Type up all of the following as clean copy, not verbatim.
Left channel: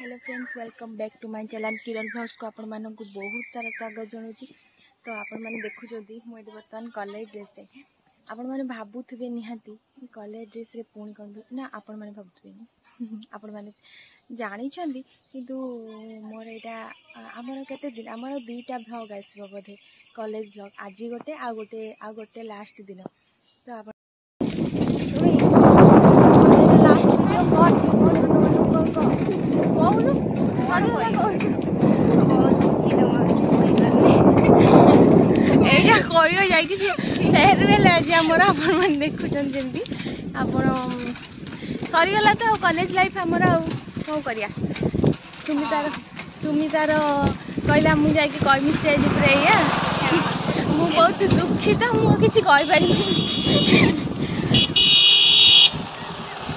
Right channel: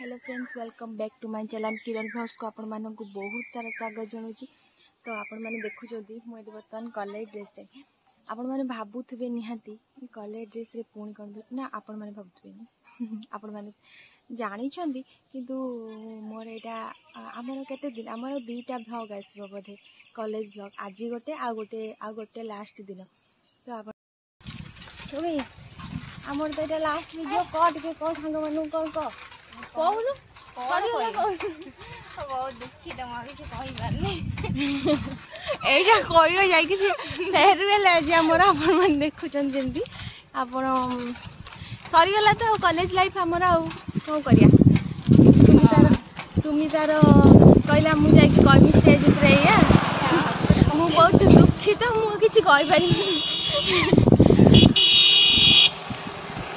Hello friends, welcome back to my channel Kiran vlogs को आपण मानक बहुत सारा स्वागत जनाऊँगी। तो आपण मैंने देखुंत मुझे बर्तमान कॉलेज ड्रेस आपण मैंने भावुवे निहाती कॉलेज ड्रेस रे पुणी कौन ना आपण मैंने भावुवे आपण मैंने जानी किंतु मोर यहाँ आमर केते दिन आमर 2टा भ्लॉग आसो बोधे कॉलेज भ्लॉग आज गोटे लास्ट दिन तो आप फेयरवेल आज आमर आपण देखुं जमी आप सरीगला तो कॉलेज लाइफ आमर कौन करिया सुमितार कहला मुझे कहमी स्टेज पर या मु बहुत दुखित मुझे कहीपर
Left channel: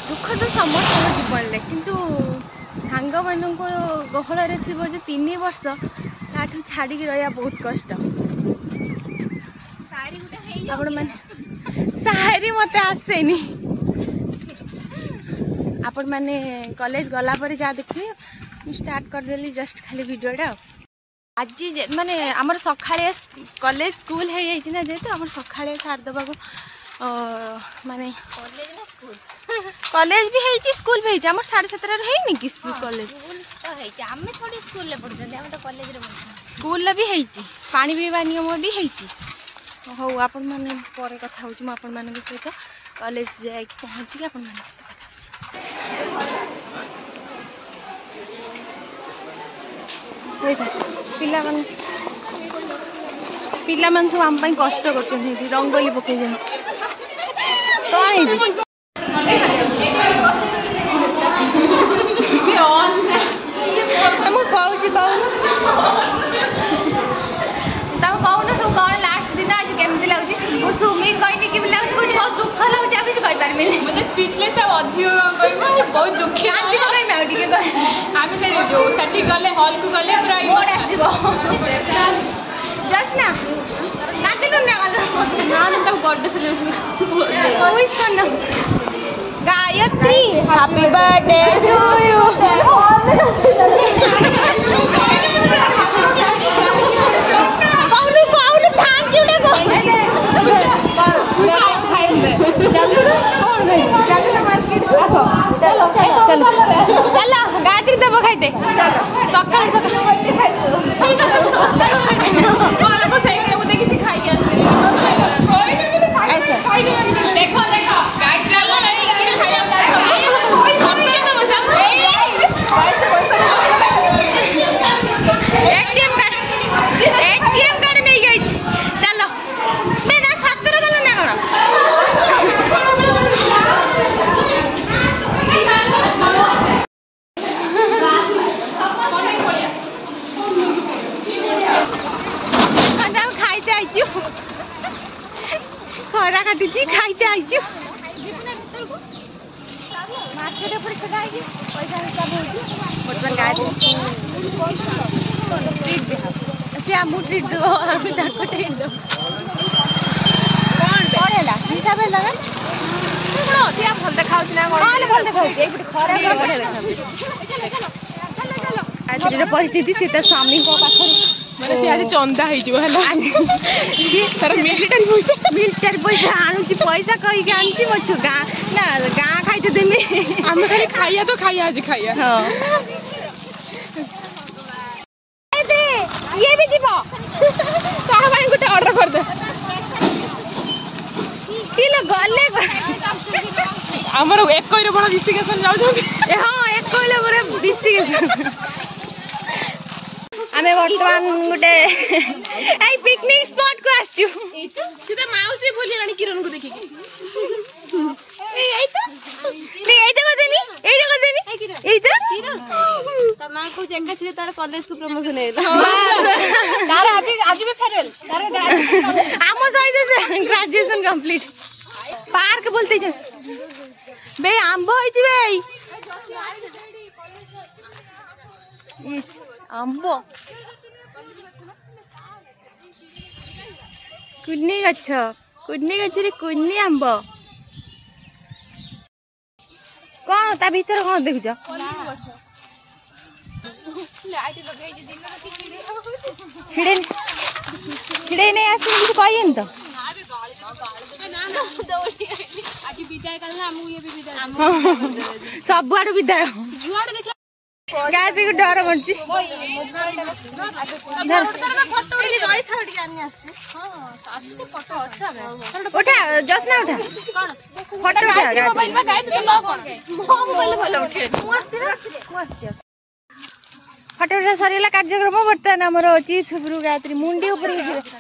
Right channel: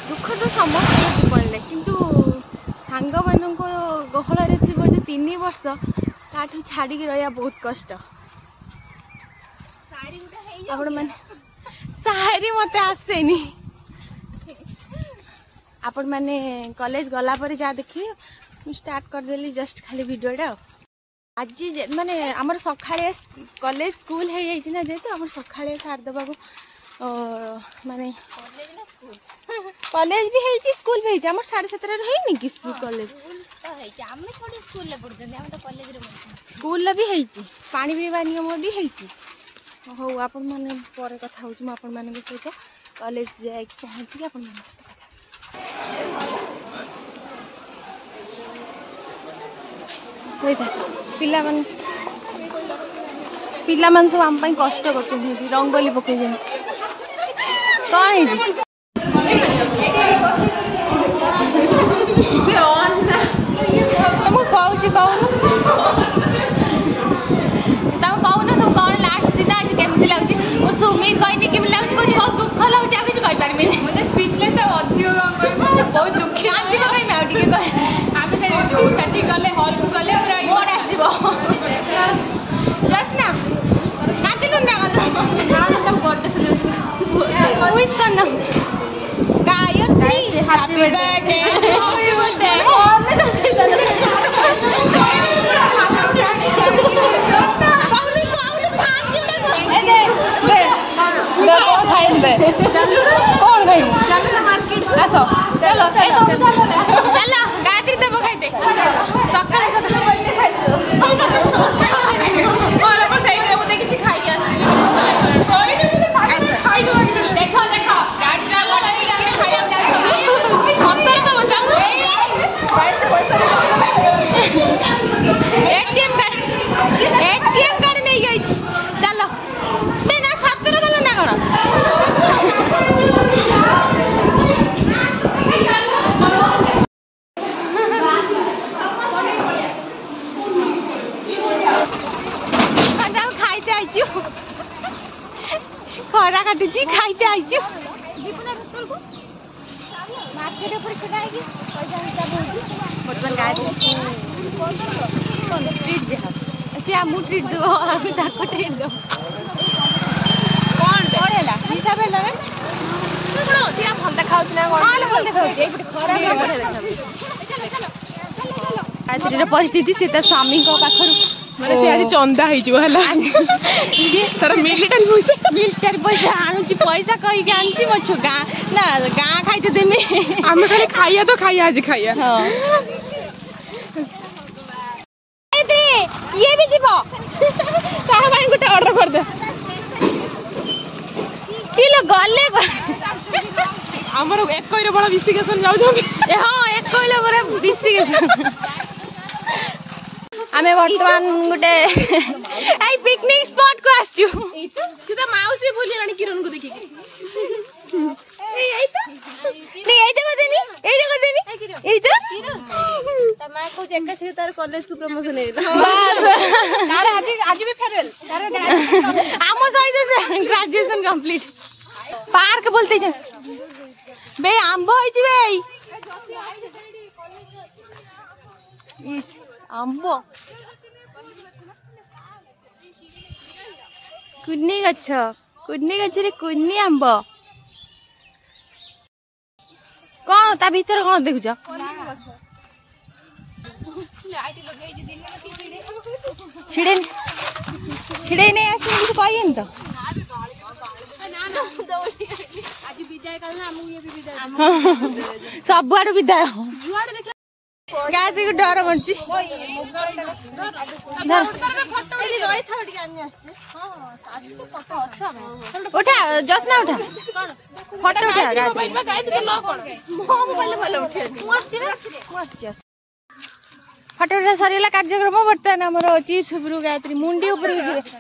दुख तो समस्त जीवन में किंतु सांग मान गहल थी जो 3 वर्ष ताठू छाड़ी रहा बहुत कष्ट आपण मैंने सारी मत आसेनी आपण मैंने कॉलेज गला पर जहाँ देखिए स्टार्ट करदेली जस्ट खाली वीडियोटा आज माने आमर सकाळे कॉलेज स्कूल है ना जेहेतु आम सकाळे सार देवा माने कॉलेज भी है स्कूल भी है आम 7:30 है कि कॉलेज स्कूल भी है पानी पीवा नियम भी है हो आपण मैंने पर कथा हूँ आपण मान सहित कॉलेज जाए पहुँचिक आपण मान सहित पिला मान सब आम कष्ट कर रंगोली पकड़ कौन मुझे कहूँ कहून सब कौन लास्ट दिन आज केमती लगे सुमी कहनी कि लगे कह बहुत दुख लगे आ किसी कहींपारे मतलब स्पीचलेस अधिक कह बहुत दुखी आम से जो साठी गले हॉल को गले पूरा जस्ट ना नाचलु ना बर्थडे सेलिब्रेशन विश करना Gayatri happy birthday to you चलो गायत्री देव खाइते एटीएम कार्ड नहीं गई चलो बिना 17 गल ना कौन खाइते आइचु खरा काटुची खाइते आइचु मार्केट पर पैसा हिसाब हो बर्तमान गाय ट्रीट दिया से आम ट्रीट दो ट्रीट दो कौन पढ़ेला हिसाब है लगा कौन अधिक भल देखा ना कौन भल देखा खराब बढ़िया देखा परिस्थिति से स्वामी पाखर माने से आज चंदा मिलिटारी पैसा आणुची पैसा कही आनी मो छु गाँ ना गाँ खाइते देमी आम खाइया तो खाइया आज खाइया हाँ ये भी जीवो तार माइन गोटे ऑर्डर कर दे किलो गले हमर एक कइरे बड़ डिस्ट्रिक्शन जाउ हां एक कइले बड़ डिस्ट्रिक्शन आमे वर्तमान गोटे आई पिकनिक स्पॉट को आछू सीधा माउस भी भूली रानी किरण को देखि के ए तना को जेंगा से तार कॉलेज को प्रमोशन है तार आज भी फेरवेल तार आमो साइज से ग्रेजुएशन कंप्लीट पार्क बोलते छ बे आंबो होई छी बे इस आंबो कुन्नी गछ रे कुन्नी आंबो कौन ता भीतर कौन देखुछ छिड़े नहीं आस कही तो सब आड़ विदाय गायत्री को डर बढ़ी उठा जसना उठा फोटो उठा गायत्री फोटो उठा सरला कार्यक्रम बर्तमान आमर चिप्स उपरू गायत्री मुंडी उपर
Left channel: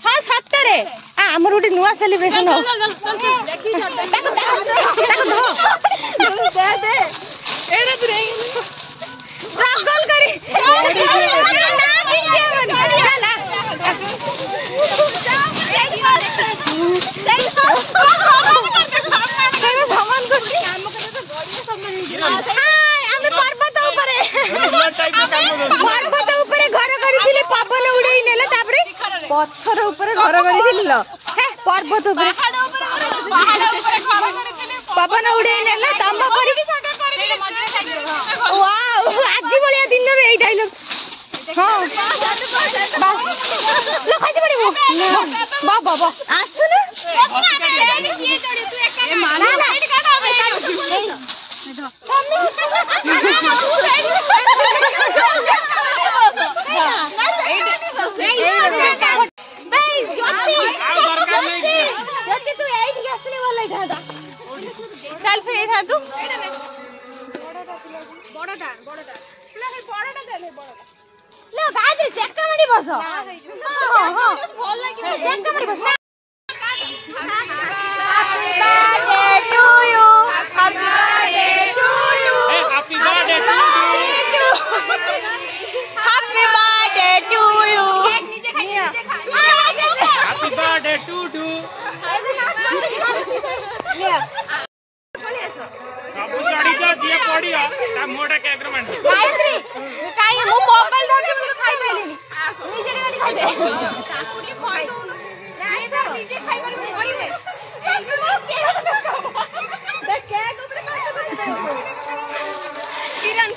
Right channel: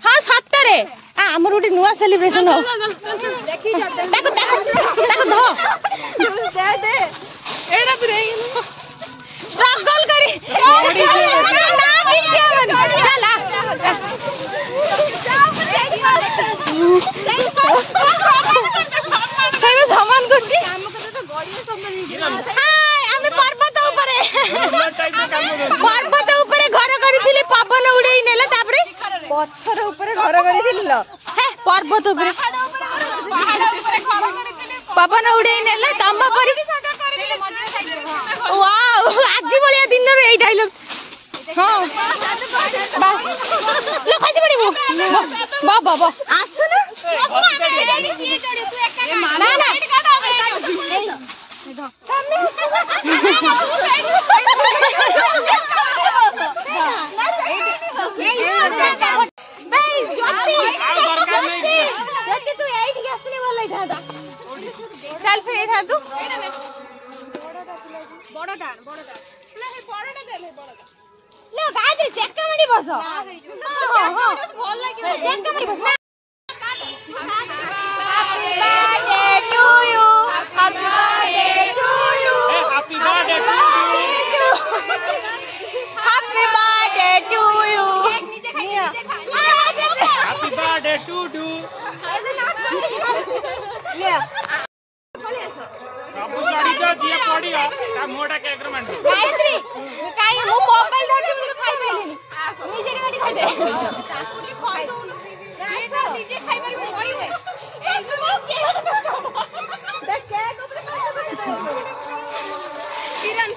हाँ सतरे आमर गोटे नुआ सेलिब्रेशन हो स्ट्रगल करी पर्वत ऊपर घर करी पवन उड़े नेला पत्थर ऊपर घर करी पर्वत पवन उड़े नेला तम आज भाया दिन में यही डायलॉग हाँ खसी पड़ो बाबा आसु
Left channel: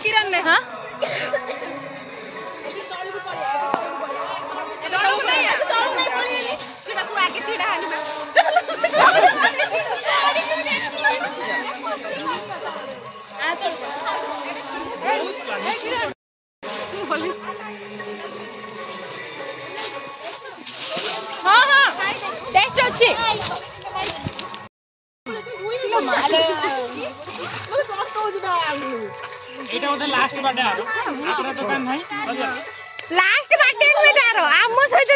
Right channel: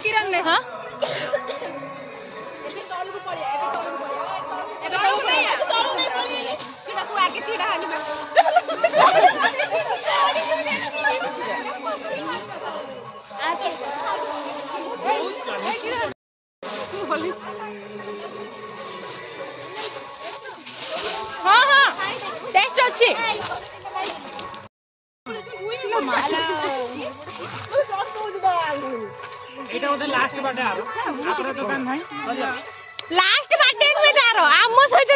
किरण ने हाँ आगे छीड़ा हाँ हाँ टेस्ट अच्छी लास्ट बाटे नुहे तार आम सहित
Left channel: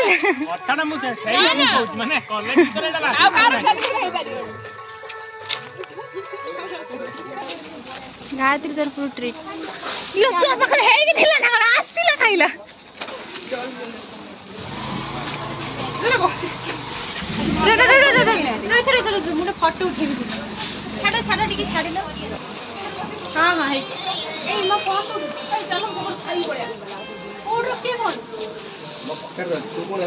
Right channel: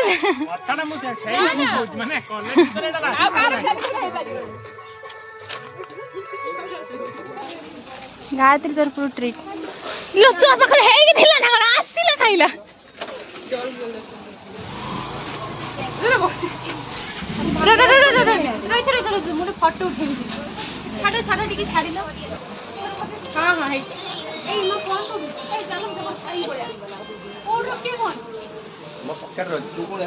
गायत्री तरफ ट्रीट लो तोर पाखर हेई थिला ना आस्तिला खाइला रो मुझे फोटो उठेबी छाड़ टिके छाड़ी दो हाँ हाँ हे ए म फोन को चलो सब छाई पड़े और के मोड कर रो तू बोले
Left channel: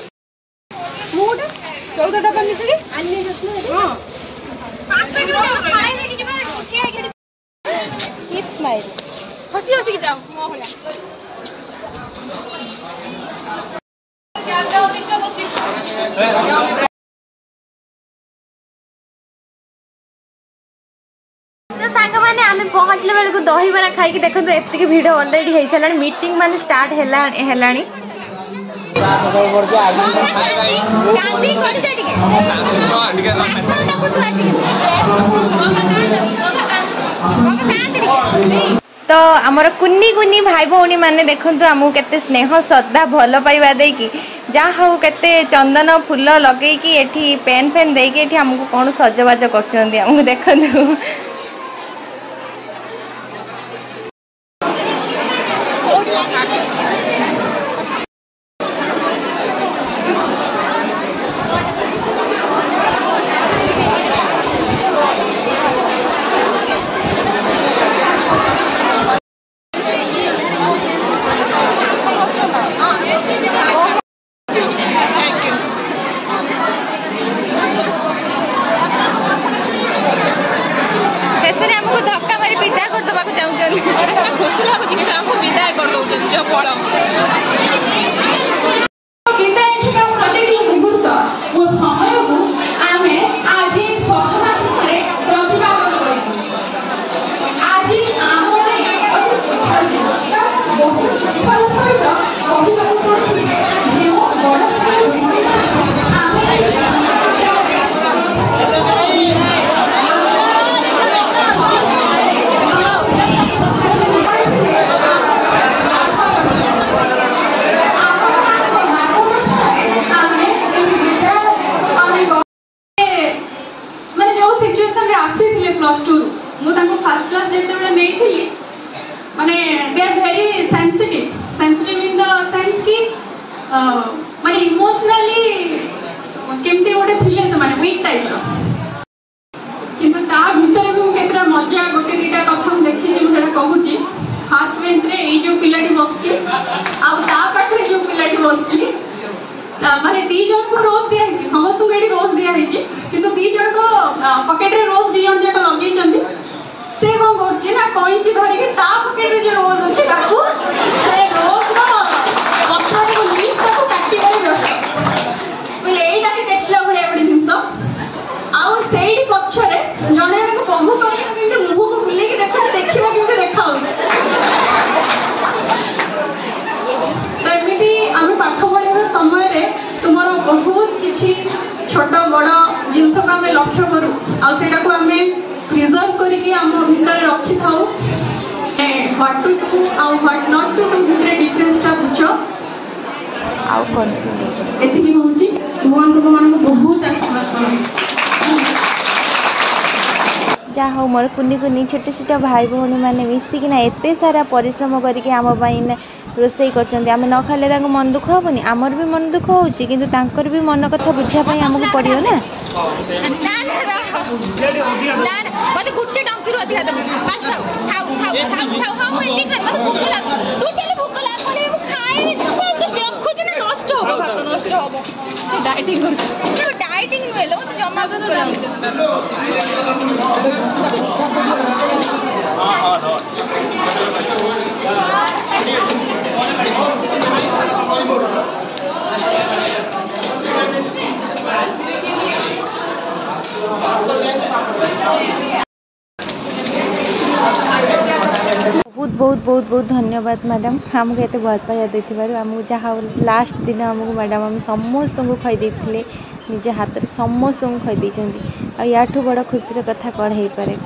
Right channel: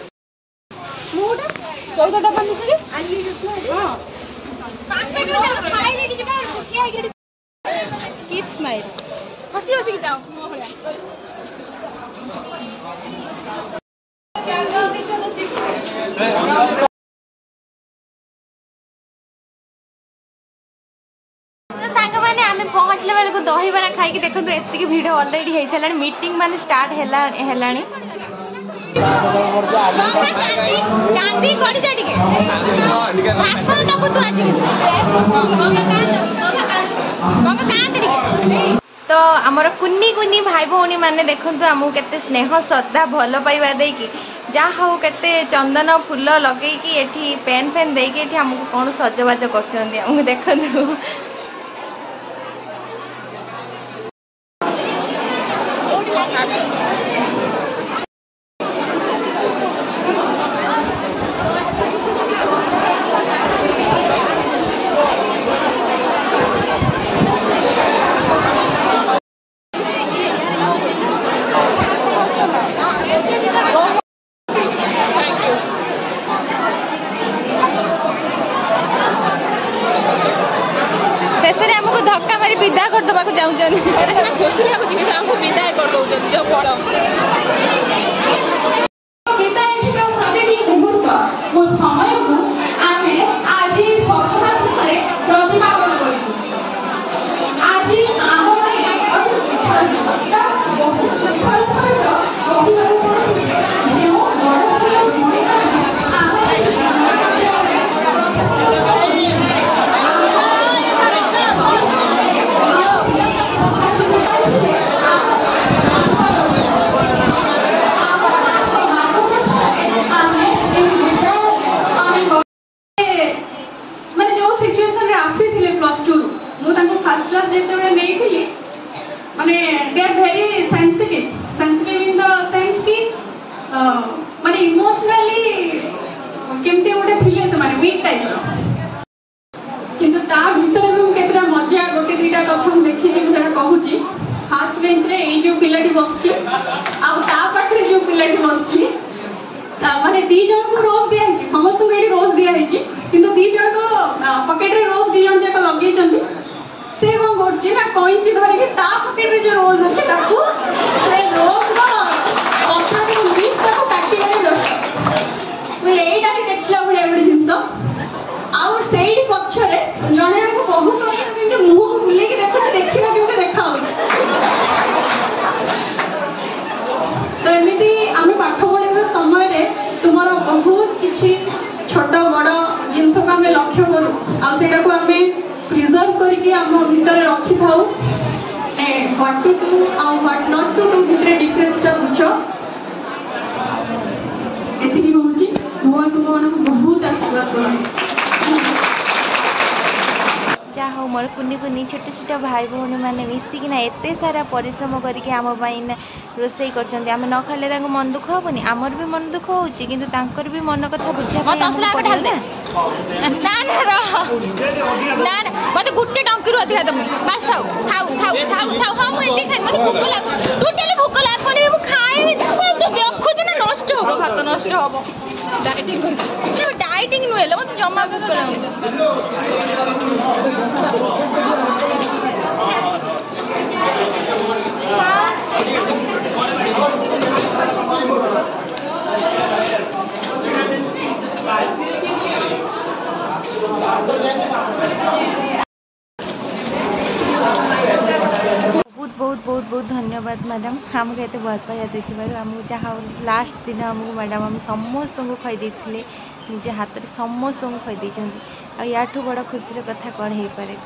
मोड 14 टका मिसरी अन्य जसना हां 5 पैकेट खाई दे कि मैं के है कीप स्माइल हंसी हंसी की जाओ मो भलिया पहुँचले बेलू दही बरा खाई देखो एति भिड अलरेडी हो सारा मीटिंग मान स्टार्ट है तो आमर कुन्नी कुन्नी भाई भौणी माने देखु आमको केते स्नेह श्रद्धा भल पाइबा देकी जहाँ हूँ केते चंदन फूल लगे पेन फेन देकी आमको कौन सजबाज कर देखु विदा कर दबा को चाहूचन खुशी लागुची कि हमको विदाय कर दउचन जो बड़ विदाय के प्रतिटी मुहूर्त वो समय को आमे आज सकारात्मक प्रतिपादन करिबु आज आम अति दुखर दिन बहुत दुखर सहित कहिबार पड़ुछि जे फर्स्ट क्लास जेते नहीं थी माने they are very sensitive in the sense कि माने इमोशनली केमती गोटे थिले से माने वीक टाइप रो किंतु ता भीतर भी केतरा मजा गोटे दीटा कथा हम देखि छी सेटा कहूची फर्स्ट बेंच रे ए जो पिलाटी बसची आ ता पाखरे जो पिलाटी बसची ता माने दी जन को रोज दिया है समस्त को एडी रोज दिया है किंतु दी जन को पॉकेट रे रोज दी जन जाक लगे चंदी से कौन करछि ना कोइची धरि कि ता पॉकेट रे जो रोज अछि ताकू से रोज रो पत्थर को लीफ ताकू काटी गले व्यस्त वो एटा ही देखला भलिया बडी जिंस आउ सेडी पछरे जने को बहु करके कि मुंह को बुले कि देखछ देखिबा केमते देखा होछ तो एमिति आमे पाठ पढिबा समय रे तुमरा बहुत किछि छोट बड़ जिंस को आमे लक्ष्य करू आ सेटा को आमे प्रिजर्व करके आम भीतर रखी था व्हाट टू डू और व्हाट नॉट टू डू भितर डिफरेंस टा बुझ एतिकी होउची भगवान को मन बहुत आशीर्वाद करो जा हो मोर कुनी कुनी छोटे छोटे भाई भौणी मैंने मिसिकिना एत सारा परिश्रम करके आम रोसई कर न खाले मन दुख हेनी आमर भी मन दुख होची किंतु तांकर भी मन कथा बुझापी आमको पड़ो ना मत गुटे टंकी अधिका दम बस खाऊ खाऊ खाऊ खाऊ खाऊ हाँ मुझे खाई मत भूक लाग टोटली भूक लागनी मु खाई देखुच ना नष्ट हो भात नष्ट हो डाइटिंग नुहे मत जमा भूक बहुत बहुत बहुत धन्यवाद मैडम आमको एत भल पाइबा देथिबारु आमको जहाँ लास्ट दिन आमको मैडम आम समस्त को खई देथिले निज हाथ में समस्त को खई देछंती आ याठू बड़ खुशी कथा कौन हो पारे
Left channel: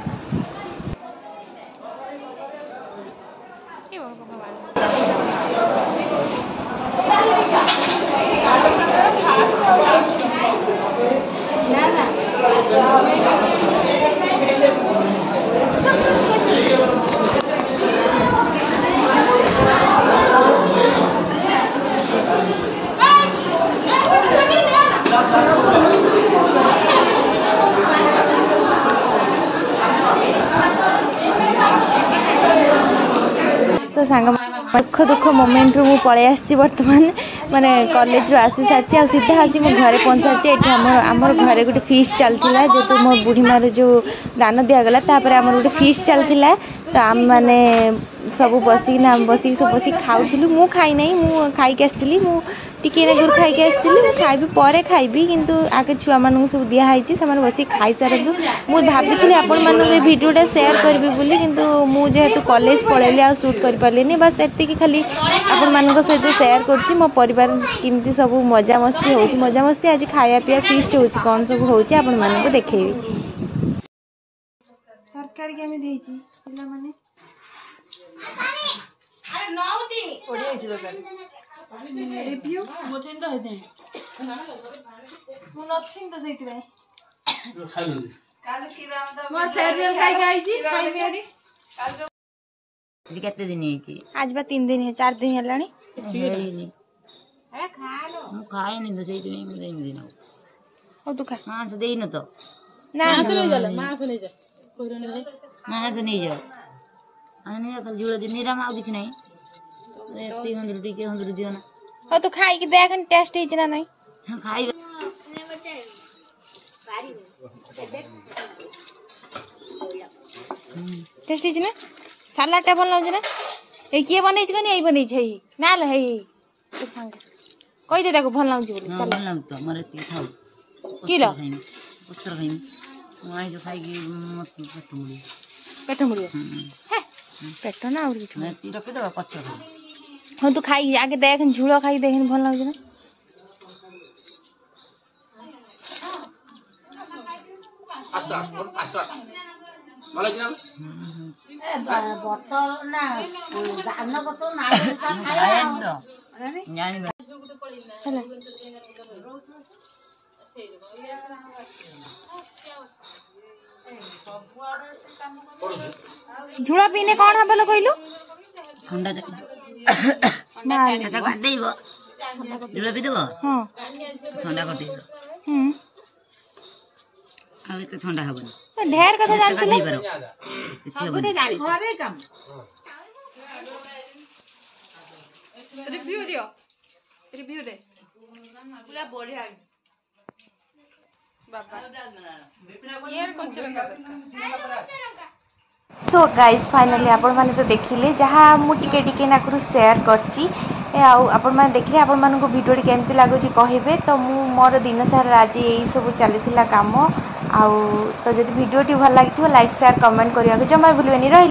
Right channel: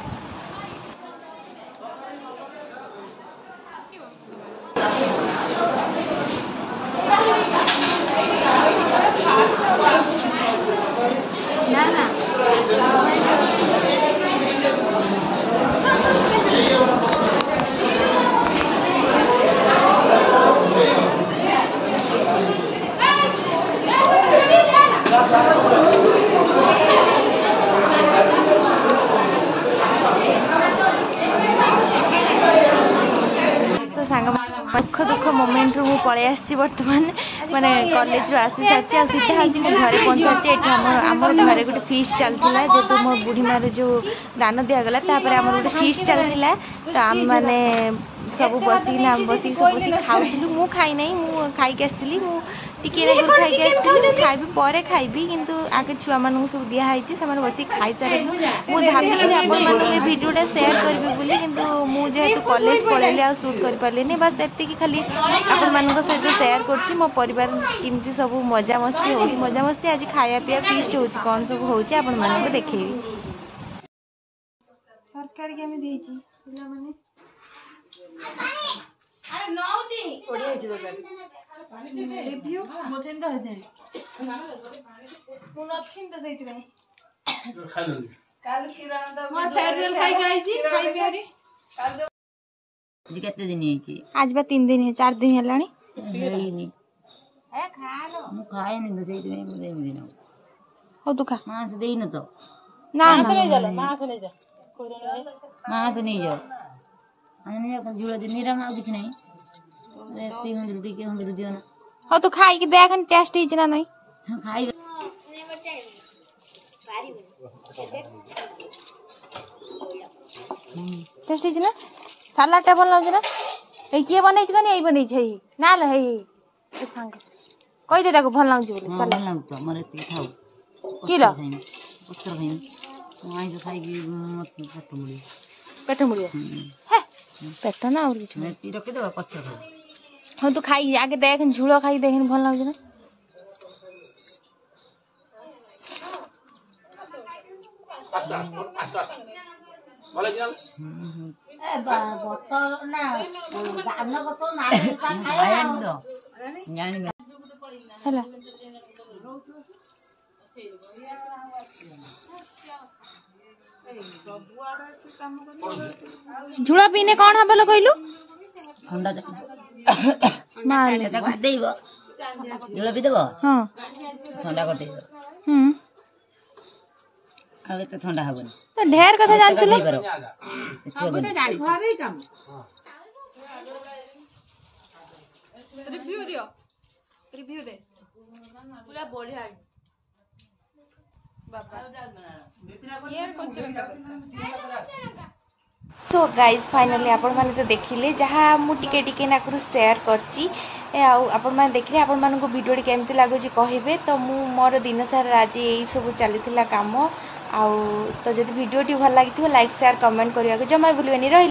तो सांग दुख दुख मोमेंट रु पलि आसी बर्तमान माने कॉलेज रो आसी सारी आ सीधा आसी मो घर पहुंचा ये आमर घरे गोटे फीस्ट चलता जेहतु मो बुढ़ी मारे जो दान दिगला आम गोटे फीस्ट चलता तो आम मैंने सब बसिक सब बस खाऊलु मु खाई ना मु खाई आसती टिके दूर खाई आसती खाइबी पर खाइबी किंतु आगे छुआ मानू सब दिखाई से बस खाई सारे मुझे भाभी आपण मानक भिडियोटा सेयार करी बोली किंतु मुझे कॉलेज पलैली आ शूट कर पारे बस एति खाली आपण मानक सहित सेयार कर मो परिवार केमती सब मजा मस्ती हो मजा मस्ती आज खाया पिया फीस्ट हो कौन सब हो आपण मानक देखेबी सरकारी केमी देछि पिला माने अरे नौती ओडी आइछि दरकार रिव्यू मोथेन तो हेते नथिंग तो सहित भाई खाइ न काल खिराम द मोर फेरियल खाइ आइछि खाइ पियारी जी केते दिन आइछि आज बा 3 दिन 4 दिन हलानी हेइनी ए खा लो मु खाइ नि तो सहित में देइन दिन हो तू खा मां से देइन तो ना सुनै जाला मां सुनै जा कोइरन रे मां से नहीं जाओ आने जा कल जुड़ा दिन निराम आ किछ नहीं एती हम रुटी के हम दियो ना हो तू खाई के देखन टेस्ट हिज ना नहीं खाई टेस्ट है ना सालाडटा भल लागे ना ए किए बनै छ कनी ए बनै छै ना ल हे ए संग कहि दे ताको भल लागे बोली भल लाग त मरे ती खाऊ की ल पचर खाइम माइ जो खाइ कि मत मुड़ी पेट मुड़ियो हे पेट ना और किछ मैं ती रखे दो पचर खाइ हां तू खाई आगे देख झुलो खाई देख भल लागे ना झुला पीने कौन है बोलो कहलु ठंडा माल देबो झुला पी देबो हां ठंडा कर देबो अब तो ठंडा हबनी तो ढेर कथा जानछ नहीं पारो किछ हबनी घरे काम रिव्यू दियो रिव्यू दे पूरा बढ़िया है बाबा यार कच्चा रंगा सो गाइज फाइनली आपण माने तो देखिले जहाँ मुझे टिके नाकरू शेयर करची आपण माने देखिले आपण मान को वीडियो केमती लागुची कहिबे तो मु मोर दिन सारा आज यही सब चलीथिला काम आउ तो जदि वीडियो टी भल लागिथिबो लाइक शेयर कमेंट करिया के जमा भूलबेनी रही।